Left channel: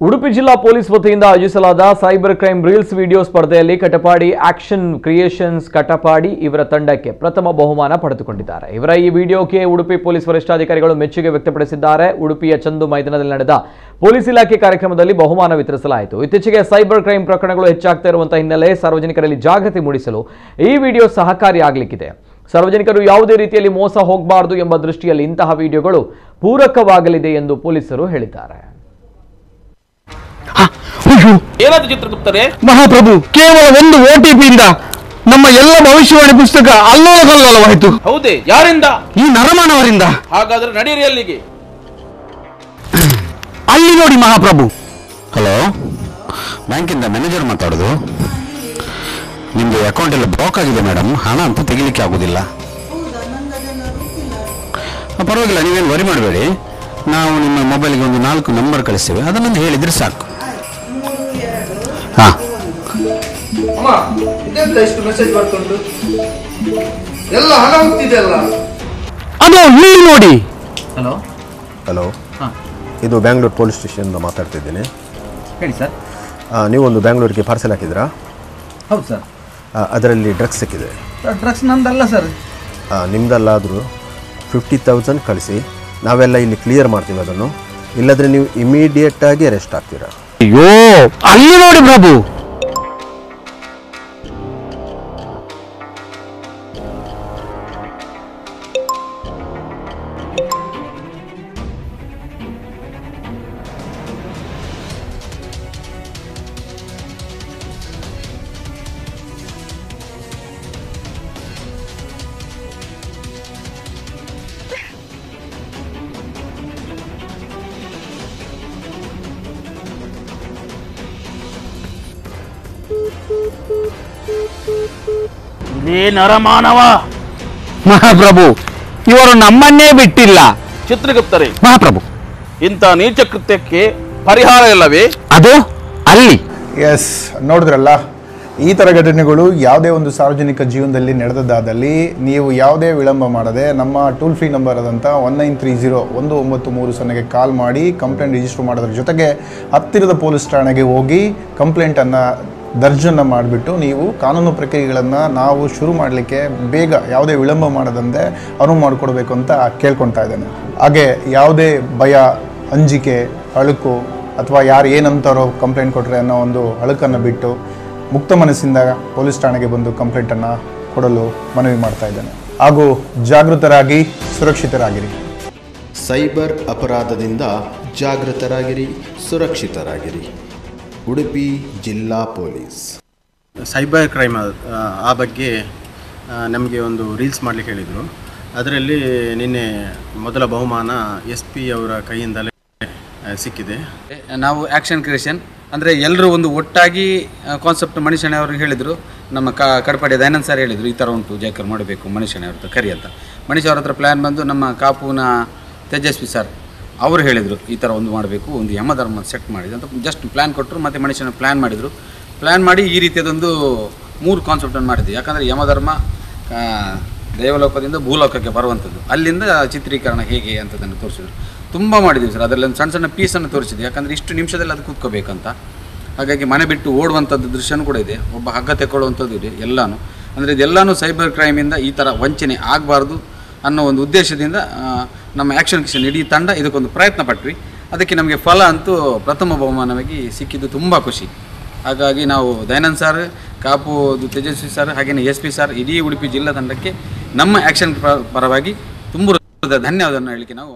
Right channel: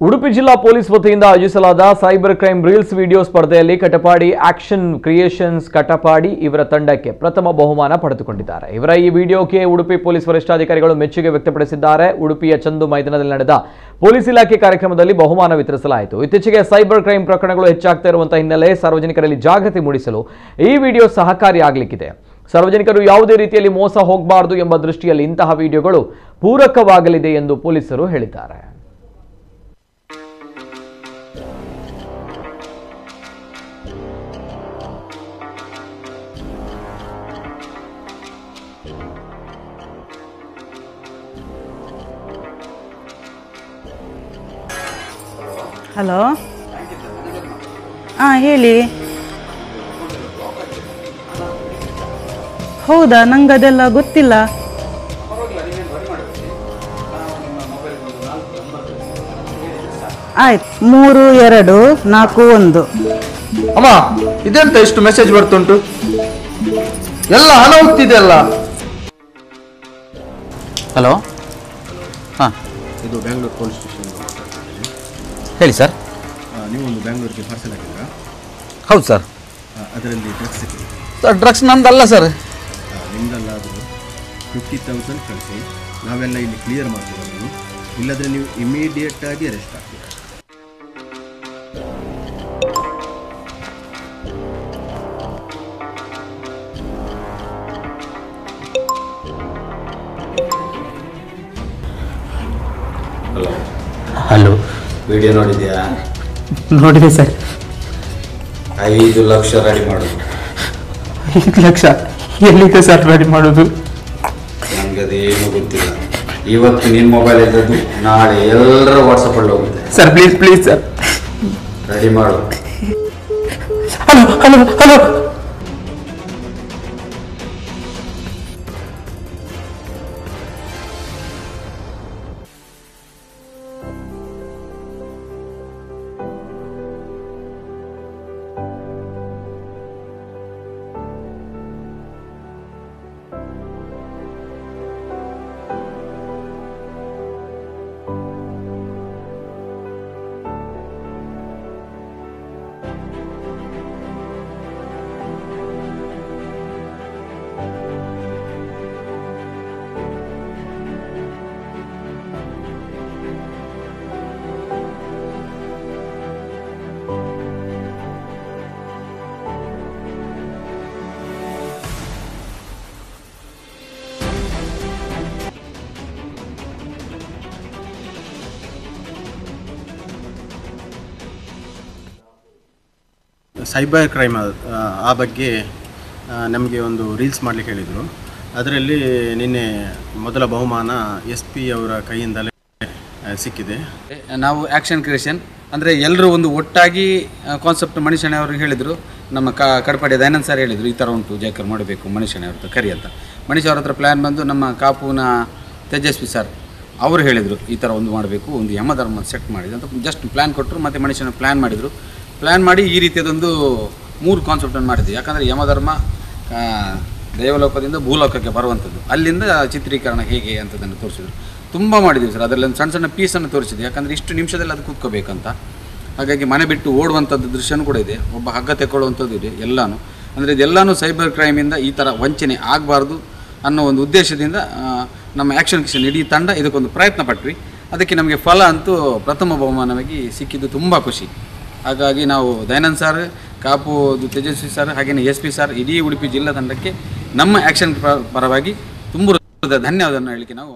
ಉಡುಪಿ ಜಿಲ್ಲಾ ಪೊಲೀಸ್ ವತಿಯಿಂದ ಆಯೋಜಿಸಲಾದ ಸೈಬರ್ ಕ್ರೈಮ್ ರೀಲ್ಸ್ ವಿಡಿಯೋ ಸ್ಪರ್ಧೆಯಲ್ಲಿ ಕಟಪಾಡಿ ಆಕ್ಷನ್ ಕ್ರಿಯೇಷನ್ಸ್ ಕಟಪಾಡಿ ಇವರ ತಂಡಕ್ಕೆ ಪ್ರಥಮ ಬಹುಮಾನ ಪಡೆದುಕೊಂಡಿದ್ದಾರೆ. ಇವರ ಈ ವಿಡಿಯೋಗೆ ಉಡುಪಿ ಪೊಲೀಸ್ ವರಿಷ್ಠಾಧಿಕಾರಿಗಳು ಮೆಚ್ಚುಗೆ ವ್ಯಕ್ತಪಡಿಸಿದ್ದಾರೆ. ಉಡುಪಿಯ ಚಂದು ಮೈದಾನದಲ್ಲಿ ನಡೆದ ಪೊಲೀಸ್ ಇಲಾಖೆ ಕಾರ್ಯಕ್ರಮದಲ್ಲಿ ಬಹುಮಾನ ವಿತರಿಸಲಾಯಿತು. ಇತ್ತೀಚೆಗೆ ಸೈಬರ್ ಕ್ರೈಮ್ ಪ್ರಕರಣಗಳು ಹೆಚ್ಚಾಗ್ತಾ ಇರುವಂತಹ ಹಿನ್ನೆಲೆ ಸಾರ್ವಜನಿಕರಲ್ಲಿ ಜಾಗೃತಿ ಮೂಡಿಸಲು ಈ ವಿಡಿಯೋ ಸಹಕಾರಿಯಾಗಲಿದೆ. ಸಾರ್ವಜನಿಕರು ಯಾವುದೇ ರೀತಿಯಲ್ಲಿ ಮೋಸ ಹೋಗಬಾರದು ಎಂಬ ದೃಷ್ಟಿಯಲ್ಲಿ ಇಂತಹ ವಿಡಿಯೋಗಳು ಪೂರಕವಾಗಲಿದೆ ಎಂದು ಪೊಲೀಸರು ಹೇಳಿದ್ದಾರೆ. ಮಹಾಪ್ರಭು, ಕೇವಲ ಒಂದು OTP ಇಂದ ನಮ್ಮ ಎಲ್ಲ ಭವಿಷ್ಯವಾಣಿ ಪುಸ್ತಕ ಅಲ್ಲೋಲಕಲ್ಲೋಲವಾಯಿತು. ಹೌದೇ? ಯಾರಿಂದ? ಈ ನರಮಾನವರಿಂದ. ಹಾಗಾದ್ರೆ ನಡೀರಿ ಅಲ್ಲಿಗೆ. ಅಲ್ಲಿ ನೋಡಿ ಮಹಾಪ್ರಭು. ಹಲೋ ಹಲೋ, ಬ್ಯಾಂಕಿಂದ ಮ್ಯಾನೇಜರ್ ಮಾತಾಡೋದು. ಹೇಳಿ. ನಿಮ್ದು ಅಕೌಂಟ್ ಎಲ್ಲ ಬ್ಲಾಕ್ ಆಗಿದೆ ಮೇಡಮ್, ಹಣ ಅಂತ ತೆಗಿಲಿಕ್ಕೆ ಆಗುದಿಲ್ಲ. ಹೌದಾ? ನಂಗೆ ಅದೆಲ್ಲ ಗೊತ್ತಿಲ್ಲ. ಪರವಾಗಿಲ್ಲ, ನೀವೇನು ವರಿ ಮಾಡಬೇಡಿ. ನಾವು ನಿಮ್ಮ ಮೊಬೈಲ್ಗೆ ಒಂದು 4 ನಂಬರ್ ಕಳಿಸ್ತೇವೆ, ಅದನ್ನೊಂದು ಹೇಳಿದ್ರೆ ಸಾಕು. ಆಯ್ತು. 3241. ಅಮ್ಮ, ಇದೆಂತ ಎಷ್ಟು ಮೆಸೇಜ್ ಬರ್ತುಂಟು? ಎಲ್ಲ ಹಣ ಹೋಗ್ತಿದೆ ಅಲ್ಲ. ಅದು ಇಲ್ಲಿ ನೋಡಿ. ಹಲೋ ಹಲೋ, ಹಾಂ, ಇದು ಬ್ಯಾಂಗ್ಳೂರು ಪೊಲೀಸ್ ಸ್ಟೇಷನ್ ಮಾತಾಡ್ತಿದ್ದೇನೆ. ಹೇಳಿ ಸರ್. ನೀವೊಂದು ಬ್ಯಾಂಗ್ಳೂರಿಗೆ ಪಾರ್ಸೆಲ್ ಹಾಕಿದ್ರಾ? ಹೌದು ಸರ್. ಅದರಲ್ಲಿ ಡ್ರಗ್ಸ್ ಸಿಕ್ಕಿದೆ. ಸರ್, ಡ್ರಗ್ಸ್ ನಮ್ದಲ್ಲ ಸರ್. ನಿಮ್ದಲ್ಲಾದರೂ 50,000 ಕಳಿಸಿ, ನಾವೆಲ್ಲ ಇಲ್ಲಿ ಕ್ಲಿಯರ್ ಮಾಡ್ತೀವಿ ಅದನ್ನು. ಇಲ್ಲದ್ರೆ ನೀವು ಇಮಿಡಿಯೇಟ್ ಆಗಿ ಅರೆಸ್ಟ್ ಆಗ್ತೀರಾ. ಅಯ್ಯೋ, ಅಲ್ಲಿ ನೋಡಿ ಪ್ರಭು. ಹಲೋ, ವಿಡಿಯೋ ನೋಡಿದ್ಯಾ? ನೋಡಿದೆ ಸರ್. 5 ಲಕ್ಷ ರೆಡಿ ಮಾಡೋದು. 5 ಲಕ್ಷ ಎಲ್ಲಿದೆ ಸರ್ ರೆಡಿ ಮಾಡೋದು? ನನಗದೇನು ಗೊತ್ತಿಲ್ಲ. ಇವತ್ತು ನಿನ್ನ ಮೊಬೈಲ್ ಇದ್ದದ್ದು ನಾಳೆ ಎಲ್ಲರ ವಾಟ್ಸಪ್ಪಲ್ಲಿ ಹೋಗುತ್ತೆ. Sir please please sir, ready ಮಾಡು. Hello hello hello. ನೀ ನರಮಾನವ. ಮಹಾಪ್ರಭು, ಇವರು ನಮ್ಮನ್ನೇ ಬಿಟ್ಟಿಲ್ಲ. ಚಿತ್ರಗುಪ್ತರೇ, ಮಹಾಪ್ರಭು, ಇಂಥ ನೀಚ ಕೃತ್ಯಕ್ಕೆ ಪರಿಹಾರ ಇಲ್ಲವೇ? ಅದು ಅಲ್ಲಿ. ಎಸ್, ನೋಡಿದ್ರಲ್ಲ, ಈ ಥರ ಘಟನೆಗಳು ಯಾವುದೇ ಒಂದು ಸಾರ್ವಜನಿಕ ಜೀವನದಲ್ಲಿ ನಡೆದದ್ದಾದಲ್ಲಿ ನೀವು ಯಾವುದೇ ವಿಳಂಬ ಮಾಡದೆ ನಮ್ಮ ಟೋಲ್ ಫ್ರೀ ನಂಬರ್ ಆದಂಥ 1930 ಕಾಲ್ ಮಾಡಿ ಕಂಪ್ಲೇಂಟ್ ರಿಜಿಸ್ಟರ್ ಮಾಡೋದ್ರ ಜೊತೆಗೆ ಹತ್ತಿರದ ಪೊಲೀಸ್ ಠಾಣೆಗೆ ಹೋಗಿ ಕಂಪ್ಲೇಂಟನ್ನು ದರ್ಜನ್ನು ಮಾಡಿಬಿಟ್ಟು ನೀವು ಕಾನೂನು ಪ್ರಕ್ರಿಯೆಗಳನ್ನು ನಾವು ಶುರು ಮಾಡಲಿಕ್ಕೆ ಬೇಗ ಯಾವುದೇ ವಿಳಂಬ ಮಾಡದಂತೆ ಅನುವು ಮಾಡಿಕೊಡ್ಬೇಕು ಅಂತ ಕೇಳ್ಕೊತಾ ಇದ್ದೇನೆ. ಹಾಗೆ ಯಾವುದೇ ಭಯ, ಅಂಜಿಕೆ, ಅಳುಕು ಅಥವಾ ಯಾರು ಏನಂತಾರೋ ಕಂಪ್ಲೇಂಟ್ ಕೊಟ್ಟರೆ ಅನ್ನೋ ಒಂದು ಅಳುಕನ್ನು ಬಿಟ್ಟು ಮುಕ್ತ ಮನಸ್ಸಿಂದ ಪೊಲೀಸ್ ಠಾಣೆಗೆ ಬಂದು ಕಂಪ್ಲೇಂಟನ್ನು ಕೊಡಲು ಮನವಿ ಮಾಡ್ತಾ ಇದ್ದೇನೆ. ಹಾಗೂ ಜಾಗೃತರಾಗಿ, ಸುರಕ್ಷಿತರಾಗಿರಿ. ಸೈಬರ್ ಅಪರಾಧದಿಂದ ಜಾಗೃತರಾಗಿರಿ, ಸುರಕ್ಷಿತರಾಗಿರಿ. ಉಡುಪಿ ಜಿಲ್ಲಾ ಪೊಲೀಸ್. ಸೈಬರ್ ಕ್ರೈಮ್ ಆ ಬಗ್ಗೆ ನಮಗೆ ಒಂದು ರೀಲ್ಸ್ ಮಾಡಲಿಕ್ಕೆ ಹೇಳಿದರು. ಅದರಲ್ಲಿ ನಿನ್ನೆ ಮೊದಲ ಬಹುಮಾನ SP ಅವರ ಕೈಯಿಂದಲೇ ಸಿಕ್ಕಿದೆ. ನಾವು ಆ್ಯಕ್ಷನ್ ಕ್ರಿಯೇಷನ್ ಅಂದರೆ ಎಲ್ಲರೂ ಒಂದು ಒಟ್ಟಾಗಿ ಕಾನ್ಸೆಪ್ಟ್ ಮನುಷ್ಯನೇ ಅವ್ರಿಗೆ ಹೇಳಿದರು. ನಮ್ಮ ಕಡಪಾಡಿ ದಯಾನಂದ್ ಸರ್ ಹೇಳಿದರು, ಈ ಥರ ಉಂಟು ಜಾಕರ್ ಮಾಡಬೇಕು ಮನುಷ್ಯನೇ ಅವ್ರ ಕರಿ ಅಂತ. ಮನುಷ್ಯ ಅವ್ರ ಹತ್ರ ಪ್ಲ್ಯಾನ್ ಬಂದು ನಮ್ಮ ಕಾಪುನ ತೇಜಸ್ವಿ ಸರ್ ಅವರು ಹೇಳಿದರು, ಈ ಥರ ಒಂದು ಮಾಡಬೇಕು, ಒಂದು ಯಮಧರ್ಮ ಸೆಟ್ ಮಾಡಿದೆ ಅಂತ ಜಸ್ಟ್ ಪ್ಲ್ಯಾನ್ ಕೊಟ್ಟರು. ಮತ್ತು ಮನುಷ್ಯನ ಪ್ಲ್ಯಾನ್ ಮಾಡಿದರು. ಪ್ಲ್ಯಾನ್ ಮಾಡಿ ಈ ರೀತಿಯದೊಂದು 3 ಕಾನ್ಸೆಪ್ಟನ್ನು ಮಾಡಿದ್ವಿ. ಯಾಕಂದರೆ ಯಮಧರ್ಮ ದೇವಲೋಕದಿಂದ ಭೂಲೋಕಕ್ಕೆ ಬರುವಂಥದ್ದು, ಅಲ್ಲಿಂದ ಚಿತ್ರೀಕರಣ ಹೇಗೆ ಅಂತದನ್ನು ತೋರಿಸಿದ್ರು. ತುಂಬ ಮಾಡಿದ್ದೀವಿ ಸರ್. ಅದರಲ್ಲಿ ಒಂದು ಸಣ್ಣ ಸಣ್ಣ ಪೀಸನ್ನು ತೋರಿಸಿದ್ವಿ. ಯಾಕಂದರೆ ಇಷ್ಟು ನಿಮಿಷದಲ್ಲಿ ಅದು ಕೂತ್ಕೋಬೇಕಂತ. ಹಾಗಾಗಿ ಮನೆ ಬಿಟ್ಟು ಓಡುವಂಥದ್ದು ದೃಶ್ಯನೂ ಕೂಡ ಇದೆ, ಒಬ್ಬ ಹಗ್ಗ ತೆಕ್ಕೊಳ್ಳುವಂಥದ್ದು ಇದೆ. ಎಲ್ಲನೂ ಅಂದರೆ ಇದೆಲ್ಲನೂ ಸೈಬರ್ ಕ್ರೈಮಿಂದ ಈ ಥರ ವಂಚನೆ ಆಗಬಾರ್ದು ಅನ್ನೋ ಒಂದು ಉದ್ದೇಶದಿಂದ ನಮ್ಮ ಆ್ಯಕ್ಷನ್ ಕ್ರಿಯೇಷನ್ ಇಡೀ ತಂಡ ಇದಕ್ಕೊಂದು ಪ್ರಯತ್ನ ಪಟ್ವಿ. ಅದಕ್ಕೆ ನಮಗೆ ಫಲ ಅಂತೂ ಪ್ರಥಮ ಬಹುಮಾನವಾಗಿ ಸಿಕ್ಕಿದ್ದು ತುಂಬ ಖುಷಿ. ಹಾಗಾಗಿ ನಾವು ದಯಾನಂದ್ ಸರ್, ಕಾಪುದು ತೇಜಸ್ವಿ ಸರ್, ಹಾಗೆಯೇ SP ಸರ್, ಇಡೀ ಉಡುಪಿ ಜಿಲ್ಲಾ ತಂಡಕ್ಕೆ ನಮ್ಮ ಆ್ಯಕ್ಷನ್ ಪರವಾಗಿ ತುಂಬ ಧನ್ಯವಾದವನ್ನು ಹೇಳಲಿಕ್ಕೆ ನಾವು